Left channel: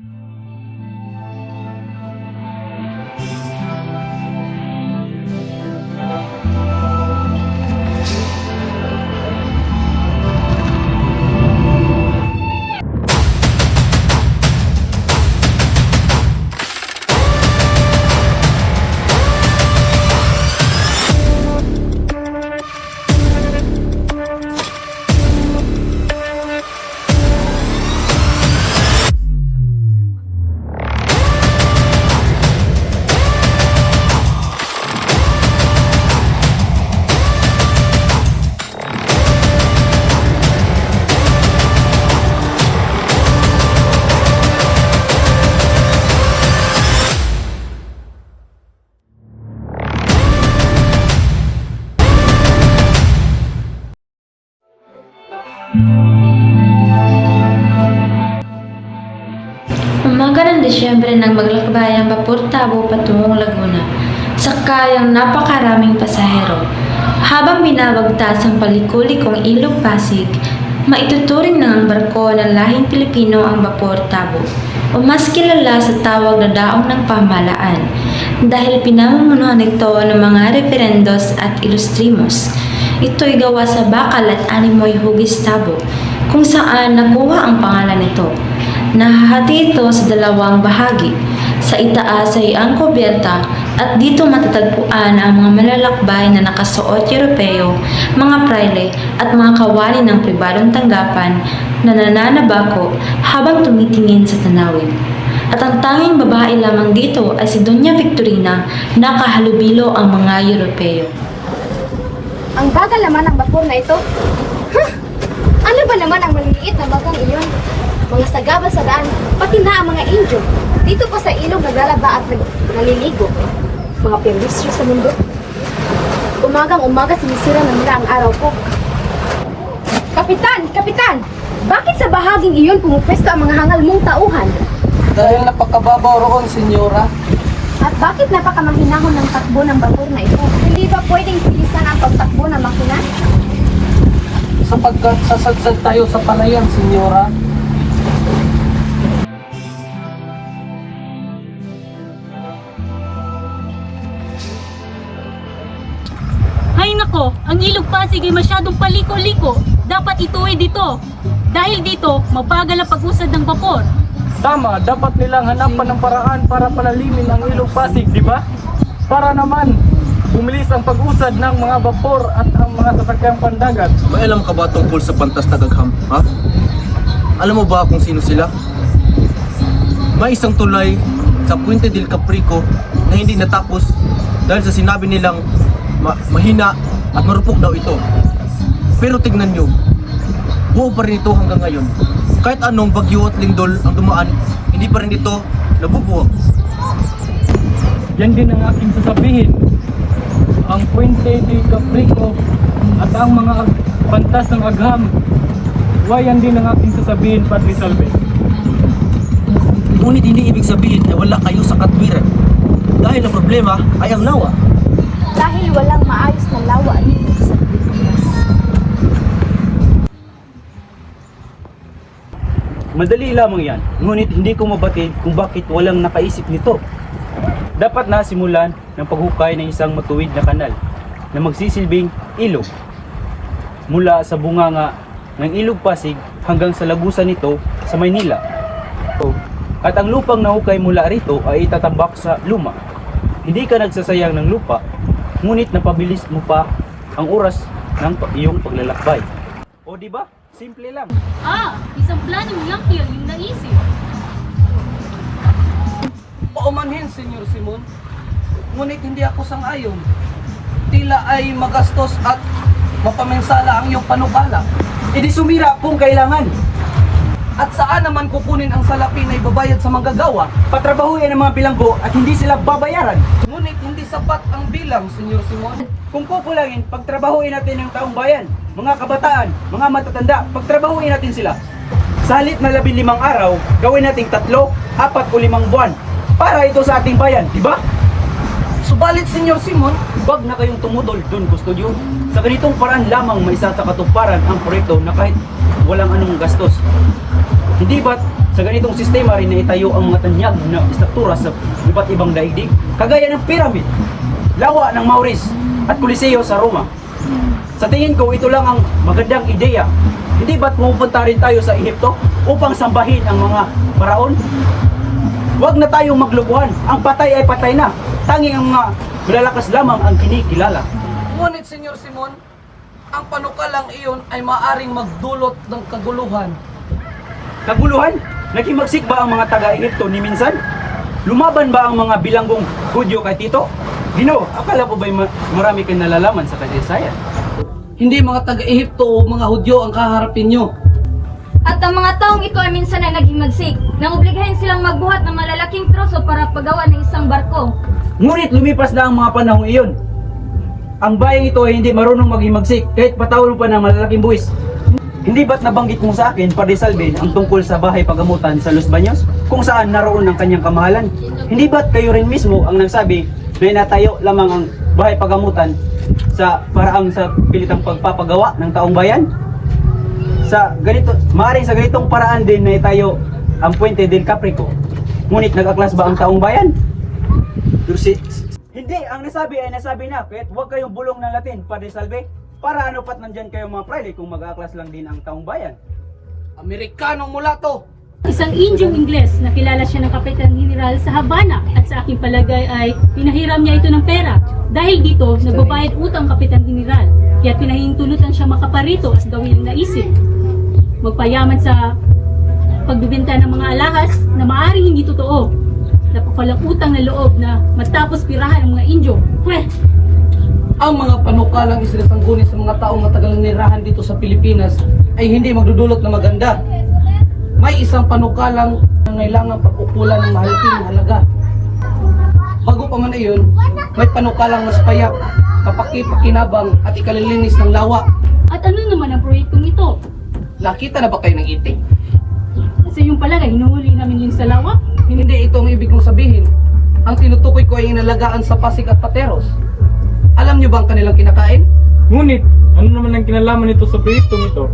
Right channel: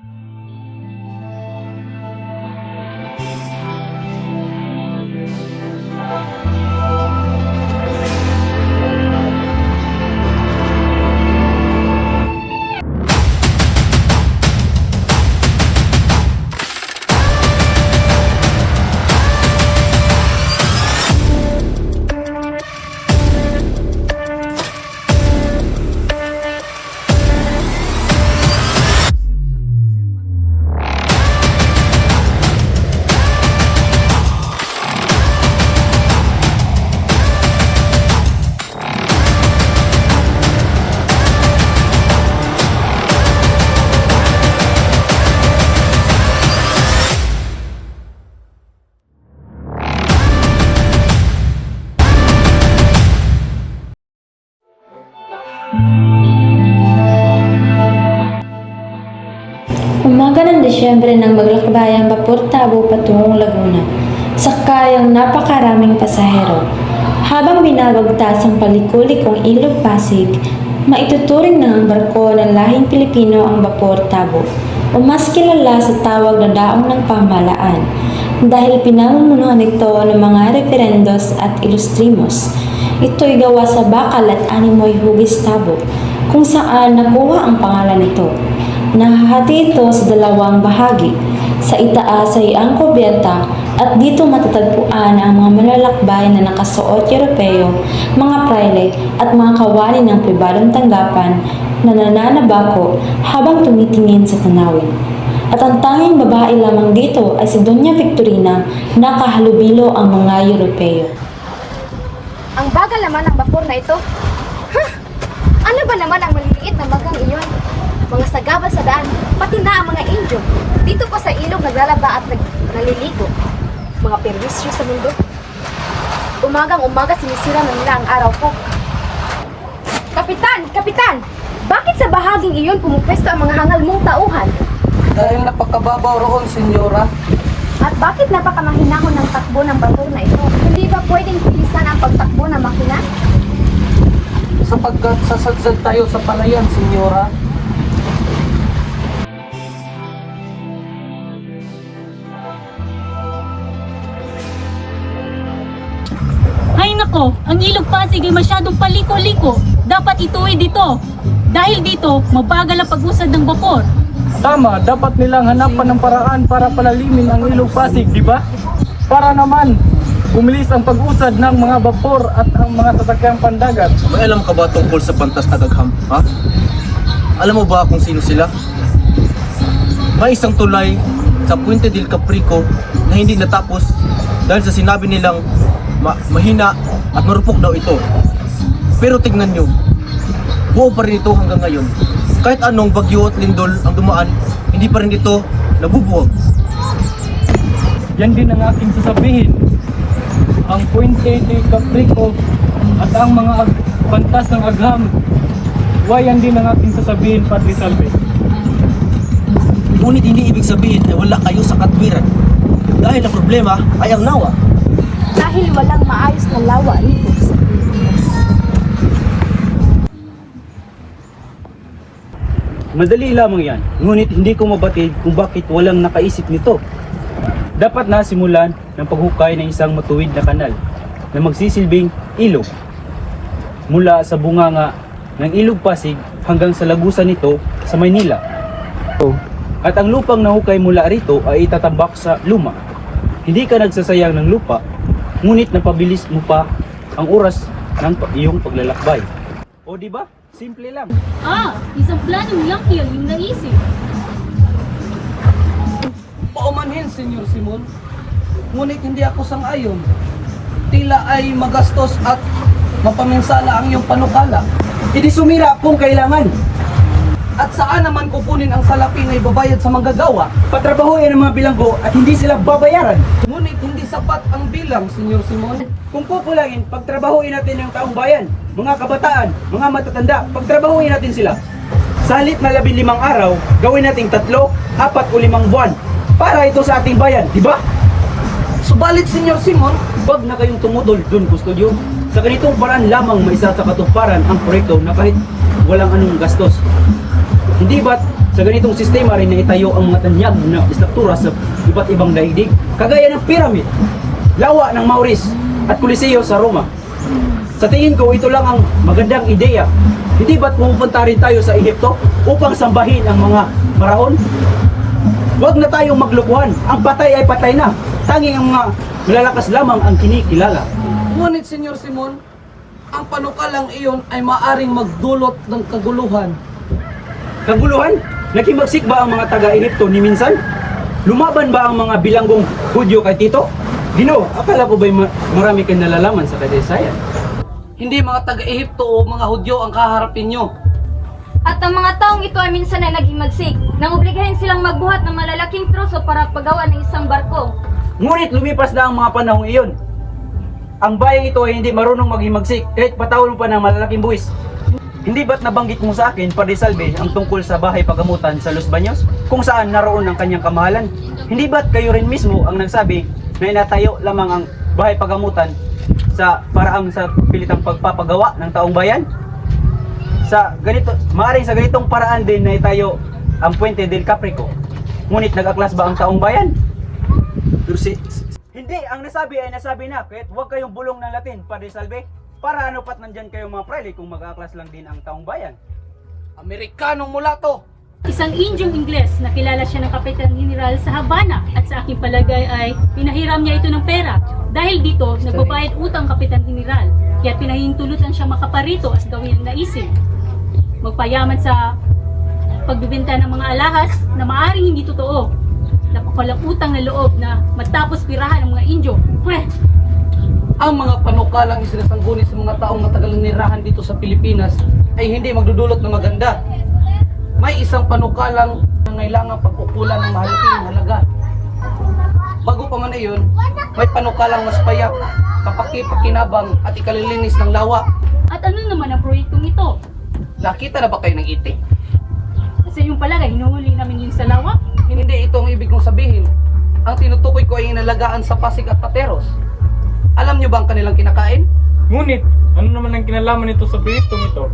Mm-hmm. Umaga ng Disyembre nang maglakbay ang Vapor Tabo patungong Laguna, sakay ang napakaraming pasahero. Habang binabagtas ang palikulikong Ilog Pasig, maituturing ng ang barko ng lahing Pilipino ang Vapor Tabo o mas kilala sa tawag na daong ng pamalaan dahil pinamumunuhan ito ng mga referendos at ilustrimos. Ito'y gawa sa bakal at animoy hugis tabo kung saan nakuha ang pangalan nito. Nahahati ito sa dalawang bahagi. Sa itaas ay ang kubyerta at dito matatagpuan ang mga malalakbay na nakasuot Europeo, mga praile at mga kawani ng pribadong tanggapan na nananabako habang tumitingin sa tanawin. At ang tanging babae lamang dito ay si Doña Victorina na kahalubilo ang mga Europeo. Ang bagal naman ng bakor na ito. Huh! Ano ba naman ang maliliit na bagang iyon? Mga sagaba sa daan, pati na ang mga injo. Dito pa sa ilog naglalaba at nag- naliligo. Mga perwisyo sa mundo. Umagang umaga sinisira na nila ang araw ko. Kapitan! Kapitan! Bakit sa bahaging iyon pumupwesto ang mga hangal mong tauhan? Dahil napakababaw roon, senyora. At bakit napakamahinahon ng takbo ng bakor na ito? Hindi ba pwedeng pilisan ang makina? Sapagkat sasadsad tayo sa palayan, senyora. Hay nako, ang ilog Pasig ay masyadong paliko-liko. Dapat ituwi dito. Dahil dito, mabagal ang pag-usad ng bakor. Tama, dapat nilang hanapan ng paraan para palalimin ang ilog Pasig, di ba? Para naman bumilis ang pag-usad ng mga vapor at ang mga sasakyang pandagat. May alam ka ba tungkol sa Pantas na Gagham? Ha? Alam mo ba kung sino sila? May isang tulay sa Puente del Caprico na hindi natapos dahil sa sinabi nilang ma- mahina at marupok daw ito. Pero tignan nyo, buo pa rin ito hanggang ngayon. Kahit anong bagyo at lindol ang dumaan, hindi pa rin ito nabubuwag. Yan din ang aking sasabihin. Ang Puente del Caprico at ang mga pantas ng agham. Wayan din ang aking sasabihin, Padre Salve. Ngunit hindi ibig sabihin na wala kayo sa katwiran. Dahil ang problema ay ang nawa. Dahil walang maayos na lawa ito sa Madali lamang yan, ngunit hindi ko mabatid kung bakit walang nakaisip nito. Dapat na simulan ng paghukay ng isang matuwid na kanal na magsisilbing ilog mula sa bunganga ng ilog Pasig hanggang sa lagusan nito sa Maynila. At ang lupang nahukay mula rito ay itatambak sa luma. Hindi ka nagsasayang ng lupa, ngunit napabilis mo pa ang oras ng iyong paglalakbay. O di ba? Simple lang. Ah, isang plano lang yun yung naisip. Paumanhin, Senyor Simon. Ngunit hindi ako sang-ayon. Tila ay magastos at mapaminsala ang iyong panukala. Hindi sumira kung kailangan. At saan naman kukunin ang salapi na ibabayad sa manggagawa? Patrabahuin ang mga bilanggo at hindi sila babayaran. Ngunit hindi sapat ang bilang, Senyor Simon. Kung kukulangin, pagtrabahuin natin ang taong bayan, mga kabataan, mga matatanda, pagtrabahuin natin sila. Sa halip na labing limang araw, gawin nating tatlo, apat o limang buwan para ito sa ating bayan, di ba? Subalit, Senyor Simon, Huwag na kayong tumudol, John Custodio. Sa ganitong paraan lamang may isa sa katuparan ang proyekto na kahit walang anong gastos. Hindi ba't sa ganitong sistema rin na itayo ang mga tanyag na istruktura sa iba't ibang daigdig? Kagaya ng pyramid, lawa ng Mauris at Coliseo sa Roma. Sa tingin ko, ito lang ang magandang ideya. Hindi ba't pupunta rin tayo sa Ehipto upang sambahin ang mga paraon? Huwag na tayong maglukuhan. Ang patay ay patay na. Tanging ang mga malalakas lamang ang kinikilala. Ngunit, Senyor Simon, ang panukalang iyon ay maaring magdulot ng kaguluhan. Kaguluhan? Nakimagsik ba ang mga taga-Ehipto ni minsan? Lumaban ba ang mga bilanggong Hudyo kay Tito? Gino, akala ko ba'y ma- marami kayong nalalaman sa kadaysayan? Hindi mga taga-Ehipto o mga Hudyo ang kaharapin nyo. At ang mga taong ito ay minsan ay naging magsik, nang obligahin silang magbuhat ng malalaking troso para paggawa ng isang barko. Ngunit lumipas na ang mga panahong iyon. Ang bayang ito ay hindi marunong maghimagsik kahit patawalo pa ng malalaking buwis. Hindi ba't nabanggit mo sa akin, Padre Salve, ang tungkol sa bahay pagamutan sa Los Baños? Kung saan naroon ang kanyang kamahalan? Hindi ba't kayo rin mismo ang nagsabi na inatayo lamang ang bahay pagamutan sa paraang sa pilitang pagpapagawa ng taong bayan? Sa ganito, maaaring sa ganitong paraan din na itayo ang Puente del Caprico. Ngunit nag-aklas ba ang taong bayan? Hindi, ang nasabi ay nasabi na, kahit huwag kayong bulong ng Latin, Padre Salve. Para ano pat nandyan kayo mga prele kung mag-aaklas lang din ang taong bayan. Amerikanong mulato. Isang Indiong Ingles na kilala siya ng Kapitan General sa Havana at sa aking palagay ay pinahiram niya ito ng pera. Dahil dito, nagbabayad utang Kapitan General. Kaya pinahintulutan siya makaparito as gawin ang naisip. Magpayaman sa pagbibenta ng mga alahas na maaring hindi totoo. Napakalang utang na loob na matapos pirahan ang mga Indyo. Pweh, Ang mga panukalang isinasangguni sa mga taong matagal nirahan dito sa Pilipinas ay hindi magdudulot na maganda. May isang panukalang nangailangan pagkukulan ng mahalaking halaga. Bago pa man iyon, may panukalang mas payak, kapaki-pakinabang at ikalilinis ng lawa. At ano naman ang proyektong ito? Nakita na ba kayo ng itik? Kasi yung palagay, hinuhuli namin yun sa lawa. Hindi ito ang ibig kong sabihin. Ang tinutukoy ko ay inalagaan sa Pasig at Pateros. Alam niyo ba ang kanilang kinakain? Ngunit, ano naman ang kinalaman nito sa proyektong ito?